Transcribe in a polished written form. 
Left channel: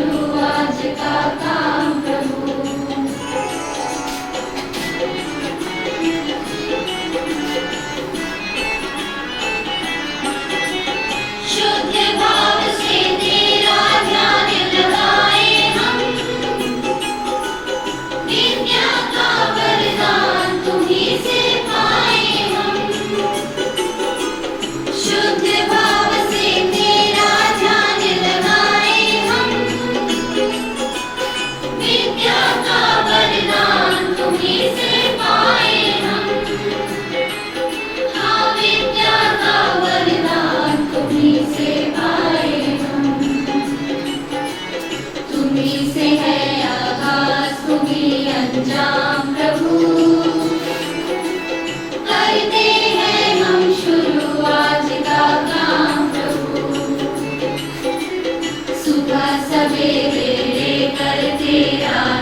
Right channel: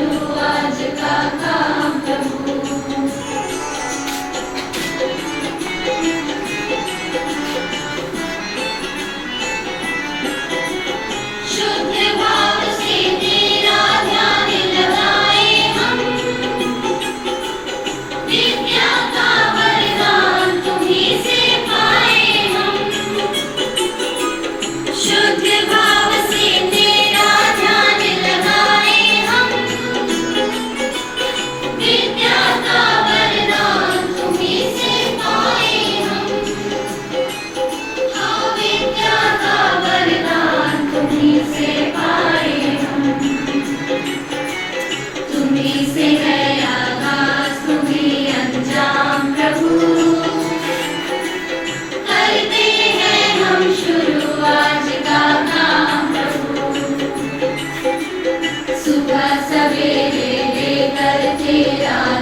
शुरू आज का काम प्रभु। शुद्ध भाव से तेरा ध्यान लगाए हम, विद्या का वरदान तुम्हीं से पाए हम। शुद्ध भाव से तेरा ध्यान लगाए हम, विद्या का वरदान तुम्हीं से पाए हम। हाँ, विद्या का वरदान तुम्हीं से पाए हम। तुम्हीं से है आगाज, तुम्हीं अंजाम प्रभु। करते हैं हम शुरू आज का काम प्रभु। सुबह सवेरे